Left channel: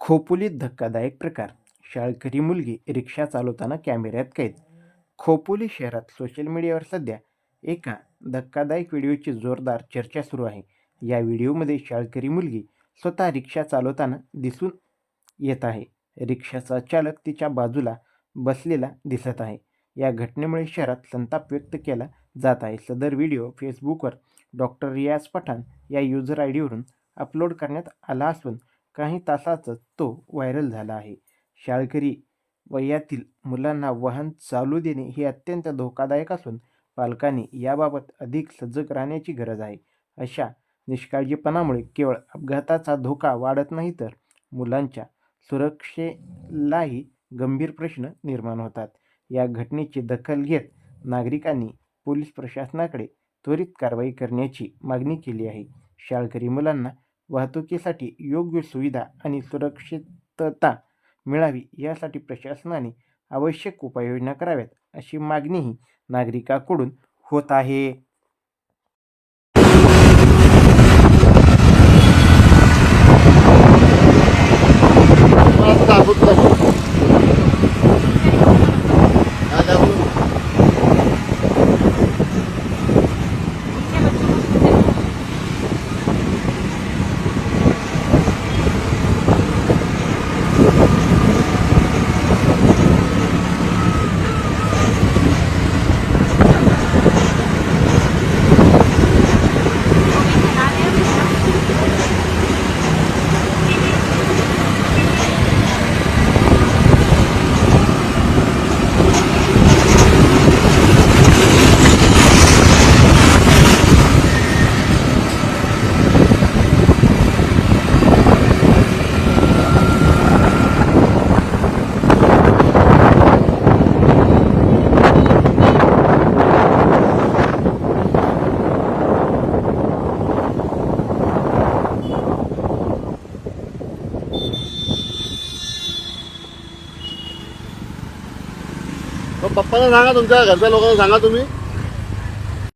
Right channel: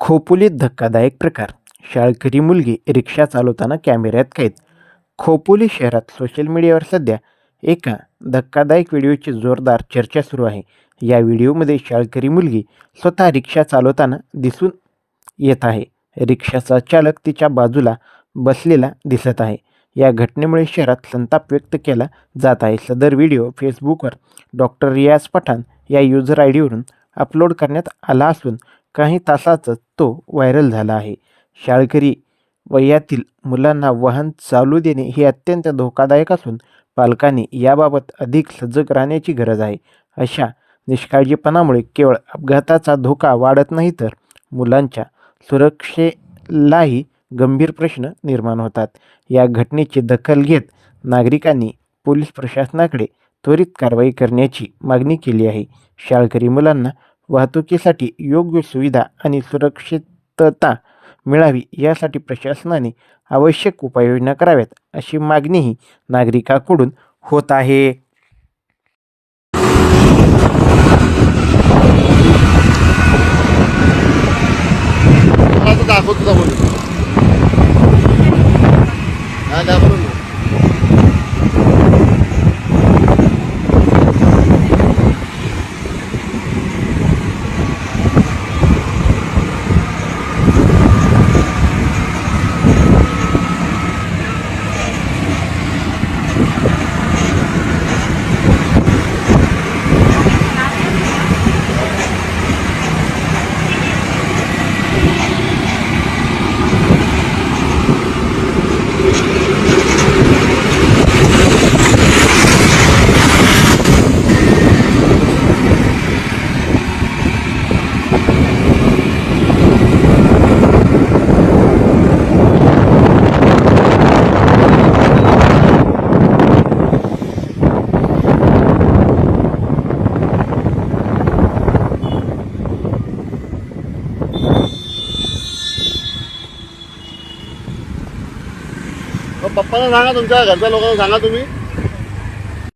खोपोलीत धक्कादायक प्रकार. शाळकरी मुलगी रिक्षा चालवताना कॅमेऱ्यात कैद. खोपोली शहरात सोशल मीडियावर सध्या एका धक्कादायक व्हिडिओची जोरदार चर्चा सुरू आहे. या व्हिडिओमध्ये शाळकरी मुलगी स्वतः रिक्षा चालवताना दिसून येत आहे. रिक्षाचा चालक तिच्या बाजूला बसलेला दिसत आहे. या घटनेमुळे शहरात संताप व्यक्त केला जात आहे. सदर व्हिडिओ फेसबुकवर डॉक्टर रियाज पठाण या युजर आय डीवरून अपलोड करण्यात आला असून काही तासातच तो व्हायरल झाला आहे. शाळकरी वयातील मुलांना वाहन चालू देणे हे अत्यंत धोकादायक असून पालकांनी याबाबत अधिक सजग राहण्याची गरज आहे. अशा निष्काळजीपणामुळे केवळ अपघाताचा धोका वाढत नाही तर मुलांच्या सुरक्षेलाही गंभीर प्रश्न निर्माण होतात. या घटनेची दखल घेत नागरिकांनी पोलीस प्रशासनाकडे त्वरित कारवाई करण्याची मागणी केली आहे. शाळकरी मुलांना वाहतुकीसाठी योग्य सुविधा आणि सुरक्षितता मिळावी यासाठी प्रशासनाने आवश्यक उपाययोजना कराव्यात अशी मागणीही नागरिकांकडून होत आहे. दाखवतो दाखवतो मग पप्पाला सांगा तुमच्या घरच्या लोकांना सांगा तुम्ही.